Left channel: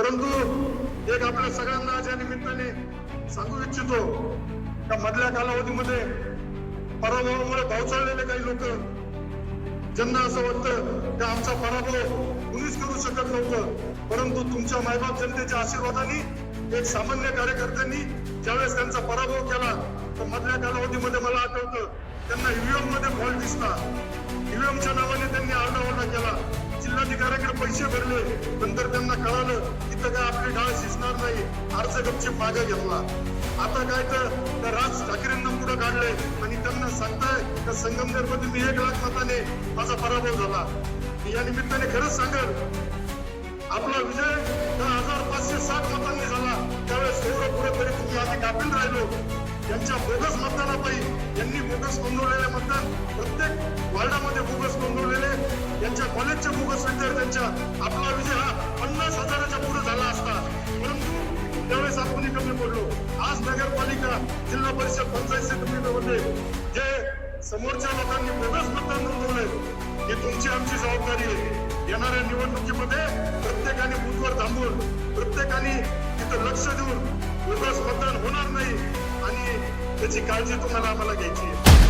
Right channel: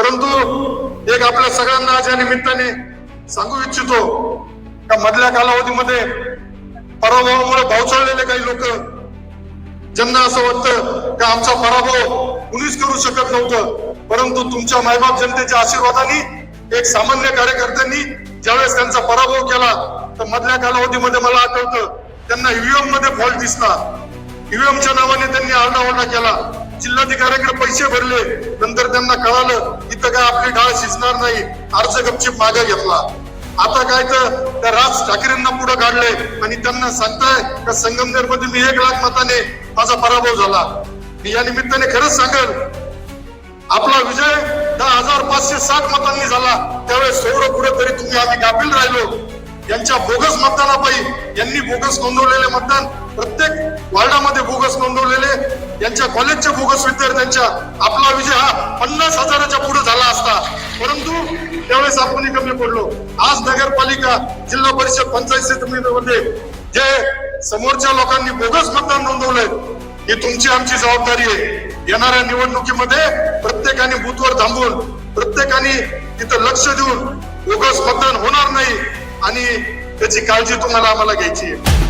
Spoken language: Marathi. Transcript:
परंतु एक आपल्या सगळ्यांना आज या निमित्ताने सांगू इच्छितो का मधल्या कालावधीमध्ये पराभवामुळे भावचळलेले काही लोक ज्यांना असं वाटतं का आमचा पराभव कुणीच करू शकत नव्हतं परंतु तुमच्या मायबाप जनतेच्या आशीर्वादाने एक सामान्य कार्यकर्त्यांनी ज्यावेळेस त्यांचा पराभव केला तर मधल्या कालावधीमध्ये मला आठवतं त्यांना ईव्हीएममध्ये फॉल्ट दिसला. ईव्हीएमच्या नावाने त्यांनी आरडाओरडा केला. जिल्हाधिकाऱ्याकडे पैसे भरले नंतर त्यांना कळालं इथं काय आपली डाळ शिजणार नाही. अर्ज गपचीप मागे घेतला. आता काय तर त्या राज ठाकरेंना पुढे काढले आणि त्यांना सांगताय का संगमनेरमध्ये मी एक लाख मताने माझा पराभव झाला. मी या निमित्ताने खरंच सांगेल आपला विजय दहा हजार पाचशे साठ मतांनी झाला. त्यावेळेस थोडं पुढे तरी तुम्ही आम्ही गाफील राहिलो. यांच्या बोगस मतदानापायी यांनी बोगस नोंदवलेले मतदान प्रत्येक वार्डामध्ये बोगस नोंदवलेले. यांच्या कॉलेजच्या बोगस विद्यार्थ्यांच्या आपला विजय हा पन्नास हजाराच्या त्यावेळेस आपण कमी पडलो आज नगरपालिका जिल्हा परिषद पंचायत समितीमध्ये जे समोरच्या लोकांनी बोगस मतदान नोंदवलंय ही तुमची आमची जबाबदारी आहे. येणाऱ्या निवडणुकीमध्ये प्रत्येकाने बूथवर थांबून प्रत्येकाने तिथं लक्ष देऊन बोगस मतदान होणार नाही आणि त्याची काळजी तुम्हाला आम्हाला घ्यायची आहे.